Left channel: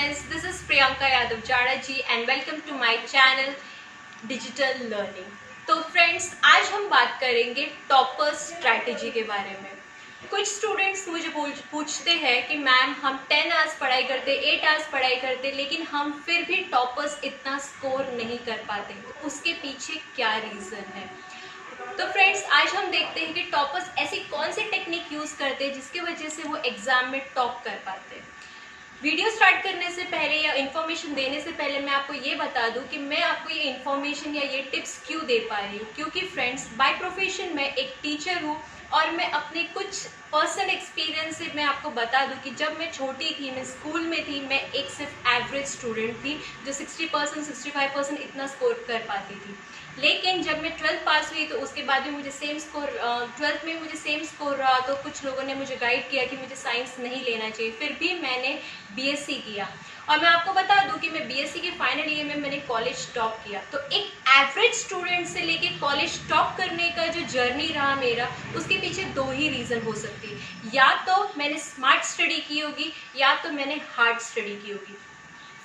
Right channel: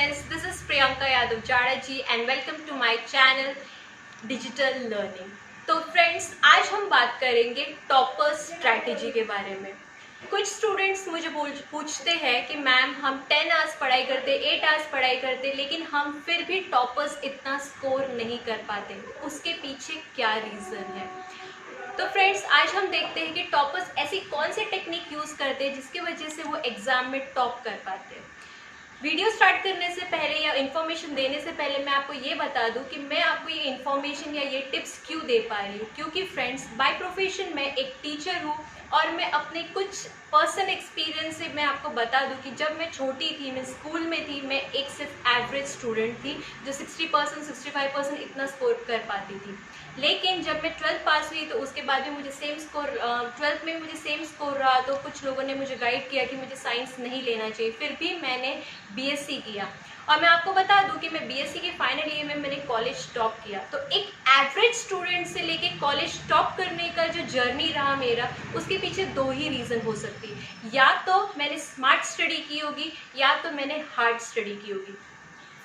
friends, this is Priyanka Yadav Jada ji and welcome to my channel Digital Learning। तो friends, आज हम बात करेंगे टॉपर स्ट्रैटेजी के बारे में। कुछ स्टूडेंट्स मुझे पूछते हैं कि मैम हम 10 आवर्स पढ़ाई करते, 8 आवर्स पढ़ाई करते, लेकिन हम फिर भी टॉपर्स इतना स्कोर नहीं कर पाते, उसके पीछे क्या रीज़न है। तो फ्रेंड्स, आज हम देखते हैं कि टॉपर्स ऐसी कौन सी टेक्निक यूज़ करते हैं जिसकी वजह से वो एग्जाम में टॉप कर पाते हैं। वीडियो स्टार्ट करने से पहले या इन्फॉर्मेशन देने से पहले मैं आपको ये बता दूं कि मैं आपको ये इन्फॉर्मेशन या ये टिप्स क्यों दे पा रही हूँ, क्योंकि फ्रेंड्स बाय प्रोफेशन मैं एक टीचर हूँ और मैं अपने कुछ पर्सनल एक्सपीरियंस से मैं आपको बता दूं कि जब मैं छोटी थी, मैं स्कूल में थी, मैं एक सिर्फ एवरेज स्टूडेंट थी जो 60% 65% इतना स्कोर कर पाती थी। लेकिन जब मैं 12th पास हुई तो उसके बाद में मुझे सेम स्कोर 12th में मुझे सेम स्कोर रहा, तो कुछ लोगों ने मुझे गाइड किया कि मुझे साइंस नहीं लेना चाहिए, फिर भी मैंने बीएससी किया। और मैं आपको बता दूं कि मैं बीएससी के फाइनल ईयर में मैंने कॉलेज टॉप किया। तो एक एवरेज स्टूडेंट से लेके कॉलेज टॉप करने का जो जर्नी रहा मेरा, उसके पीछे दो ही रीज़न हो सकती है, या तो मैंने स्मार्ट स्टडी की होगी या तो मैंने हार्ड स्टडी की होगी।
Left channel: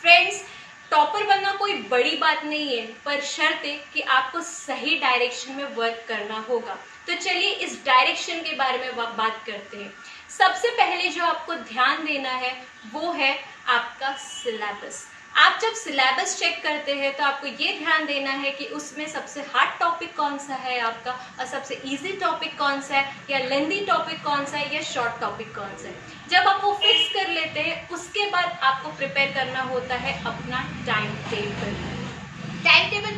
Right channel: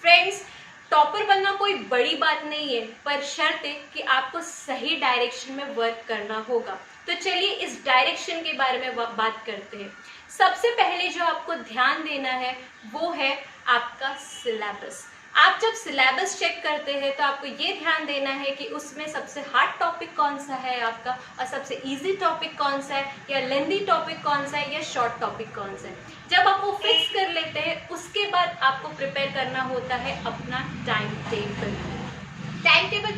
फ्रेंड्स, टॉपर बनना कोई बड़ी बात नहीं है, पर शर्त है कि आपको सही डायरेक्शन में वर्क करना होगा। तो चलिए इस डायरेक्शन के बारे में बात करते हैं। सबसे पहले जो आपको ध्यान देना है वो है आपका सिलेबस। आप जब सिलेबस चेक करते हैं तो आपको ये ध्यान देना है कि उसमें सबसे हार्ड टॉपिक कौन सा है आपका, और सबसे इजी टॉपिक कौन सा है, या लेंदी टॉपिक कौन सा है, या शॉर्ट टॉपिक कौन सा है। जब आप वो फिक्स कर लेते हैं, उसके बाद आपको प्रिपेयर करना होता है अपना time table. Time table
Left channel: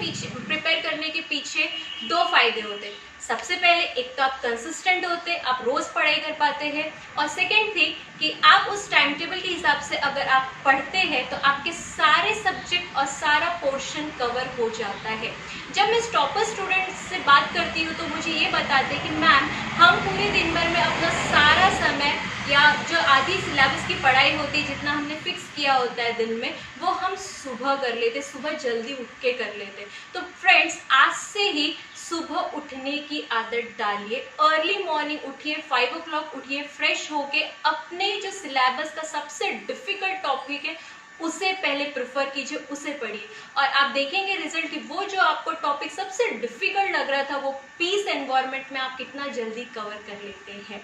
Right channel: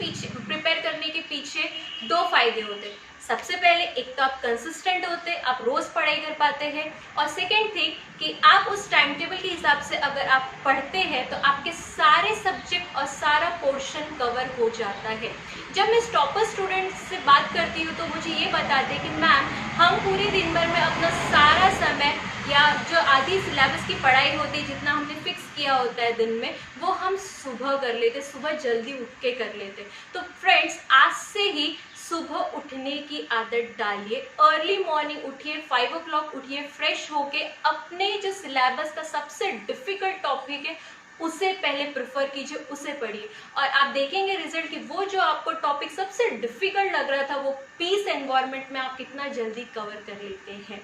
prepare करने के पीछे दो फायदे होते हैं। सबसे पहले, एक तो आप कंसिस्टेंट होते हैं, आप रोज पढ़ाई कर पाते हैं, और सेकेंड थिंग कि आप उस टाइम टेबल के हिसाब से अगर आप पढ़ते हैं तो आपके सारे सब्जेक्ट और सारा पोर्शन कवर हो जाता है। जब मैं टॉपर स्टूडेंट से बात करती हूँ तो मुझे ये बताते हैं कि मैम हम पूरे दिन भर में अपना सारा समय या जो आधी सिलेबस की पढ़ाई होती है, जितना हमने फिक्स किया होता है दिन में, वो हम सुबह कर लेते, सुबह जल्दी उठ के कर लेते। तो फ्रेंड्स, आज से ही सुबह उठने की आदत डालिए। अर्ली मॉर्निंग उठिए, 5 o'clock उठिए, फ्रेश होके अपने जो सिलेबस का सबसे डिफिकल्ट टॉपिक है उसे पहले प्रेफर कीजिए, उसे पढ़िए, और आप देखेंगे रिजल्ट कि वो जो आपको टॉपिक सबसे डिफिकल्ट लग रहा था वो पीस एनवायरनमेंट में आप कितना जल्दी कवर कर लेते हैं।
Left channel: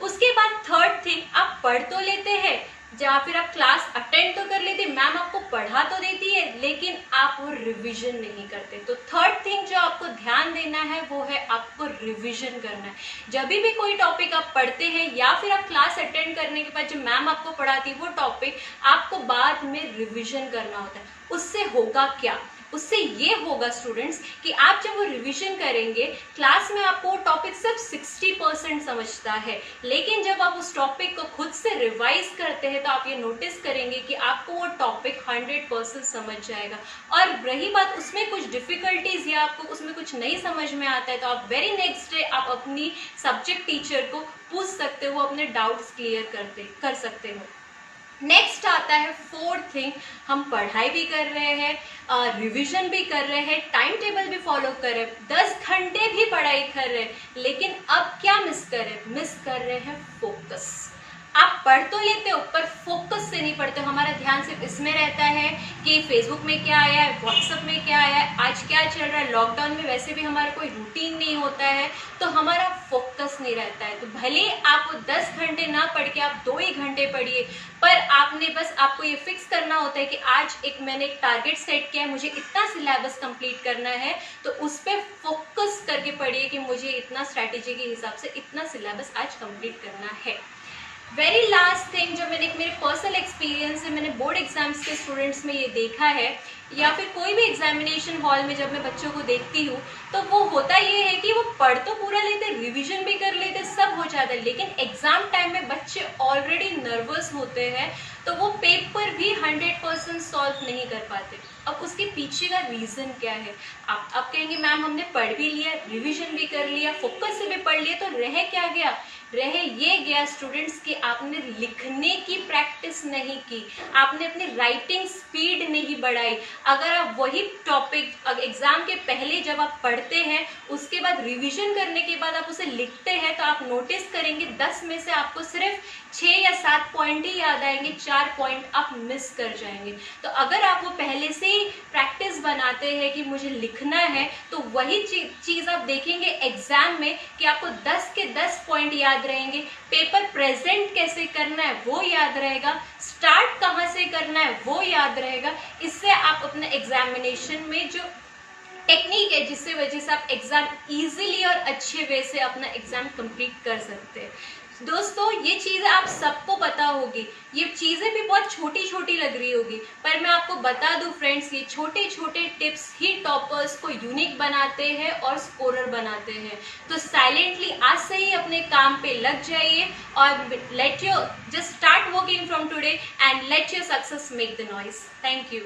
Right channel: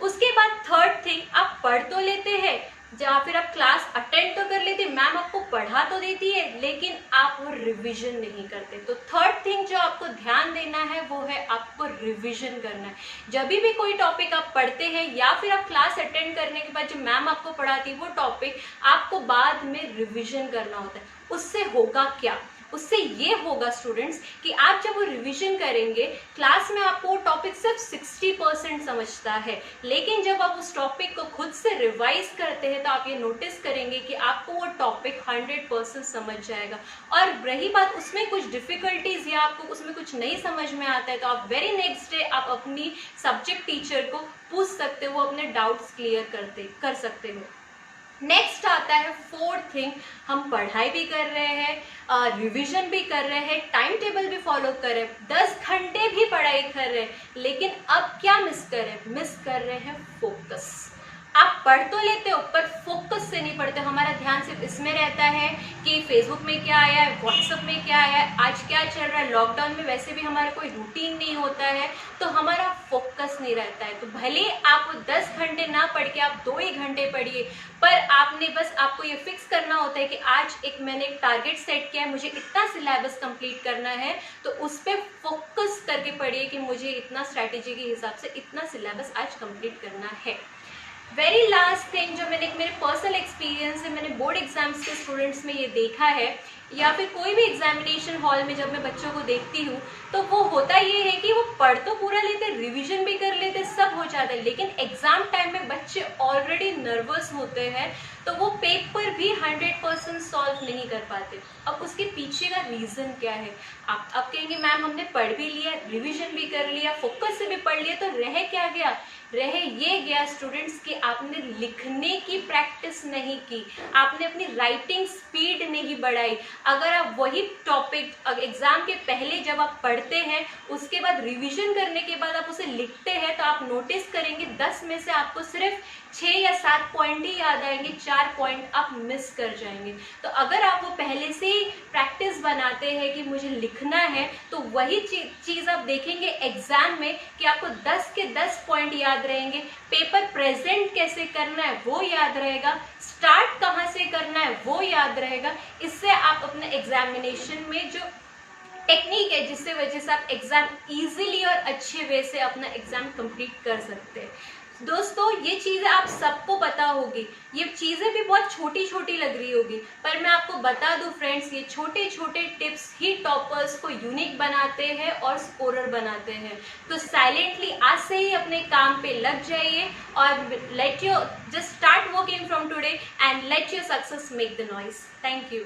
उसके बाद थर्ड थिंग, आप पढ़ तो लेते हैं या फिर आप क्लास अटेंड तो कर लेते, मैम आपको पढ़ा तो देती है, लेकिन आप वो रिवीजन नहीं करते। तो थर्ड थिंग जो आपको ध्यान देना है वो है आपको रिवीजन करना है। जब भी कोई टॉपिक आप पढ़ते हैं या फिर आप क्लास अटेंड करने के बाद जो मैम आपको पढ़ाती है वो टॉपिक आपको बाद में रिवीजन करना होता है। उससे होगा क्या? उससे ये होगा स्टूडेंट्स कि आप जब वो रिवीजन करेंगे, क्लास में आपको वो टॉपिक सिर्फ 60% समझता है, लेकिन जब आप उस टॉपिक को खुद से रिवाइज करते हैं तो आप ये नोटिस करेंगे कि आपको वो टॉपिक 100% समझ जाएगा। और रही बात उसमें कुछ डिफिकल्टीज या आपको उसमें कुछ नहीं समझ में आता है, तो आप वेरी नेक्स्ट डे आप अपनी सब्जेक्ट टीचर को पूछ सकते हो, अपने डाउट्स क्लियर कर सकते हो। नेक्स्ट आता है फोर्थ थिंग, हम पढ़ाई भी कर रहे हैं, रिवीजन भी कर रहे हैं, टाइम टेबल भी फॉलो कर रहे हैं, 10 घंटे भी पढ़ाई कर रहे हैं, लेकिन अब क्या मिस कर रहे हैं फोकस। आप पढ़ तो लेते हो पर फोकस से नहीं पढ़ते। हमारा ध्यान सिर्फ इसमें रहता है कि फेसबुक में क्या आया है, व्हाट्सएप में क्या आया है, आज क्या चल रहा है। लॉकडाउन में वैसे भी हमारा कोई रूटीन नहीं होता है, तो हमारा फोकस नहीं रहता है। तो भले आप 10 घंटे ना पढ़ के आप 2 ही घंटे पढ़िए, पर आपको ये फिक्स करना होता है कि आज मैंने एक टारगेट सेट किया है, मुझे इतना सिलेबस कंप्लीट करना है, तो उस पर फोकस करके पढ़िए कि मुझे इतना स्ट्रैटेजी के हिसाब से इतना सिलेबस आज कंप्लीट करना है। वेरी लास्ट थिंग जो मैंने मेरे पर्सनल एक्सपीरियंस से मैंने बोर्ड एग्जाम्स के स्टूडेंट्स में ये देखा है, या फिर कोई भी एग्जामिनेशन हॉल में जब मैं बच्चों को देखती हूँ, तो वो होता ये है कि वो पढ़ तो पूरा लेते, रिवीजन भी कर लेते, सब हो जाता है, लेकिन एग्जाम टाइम में बच्चे ऑलरेडी नर्वस होते हैं, तो वो पेपर भी 100% सॉल्व नहीं कर पाते। अब उसके पीछे का रीजन क्या है? आप कहेंगे मैम हमने पढ़ भी लिया, रिवीजन भी कर लिया, फोकस से भी पढ़ लिया, तो रह क्या गया? रह ये गया स्टूडेंट्स कि आपने लिखने की प्रैक्टिस नहीं की, आपने अपनी राइटिंग स्पीड नहीं बढ़ाई। अगर आप वही टॉपिक एग्जाम के पहले जब आप पढ़ते हैं, उसके बाद रिवीजन करने के बाद आप उसे लिखते हैं, तो आप नोटिस करेंगे 10 में से आपको सिर्फ 6 या 7 पॉइंट ही याद आएंगे, 4 पॉइंट आप मिस कर जाएंगे। तो अगर आप वो पहले से ही प्रैक्टिस बनाते हैं कि मुझे लिखना है, तो वही चीज़ आप देखेंगे एग्जाम में कि आपको 10 के 10 पॉइंट याद रहेंगे। पेपर प्रेजेंट कैसे करना है वो याद रहेगा, स्टार्ट कहाँ से करना है वो याद रहेगा। इससे आप अपने एग्जामिनेशन में जो टेक्निक है जिससे वजह से आप एग्जाम इजीली और अच्छे वे से अपना एग्जाम कंप्लीट कर सकते हैं। दोस्तों ये चीज़ें आप सबको पता होगी, ये चीज़ें भी बहुत छोटी छोटी लग रही होगी, पर मैं आपको बता दूं फ्रेंड्स, ये छोटे छोटे टिप्स ही टॉपर्स को यूनिक बनाते हैं और स्कोरर बनाते हैं। तो साइलेंटली आज से ही अपने काम पे लग जाइए और let your just start working from today and let your success make the noise. Thank you.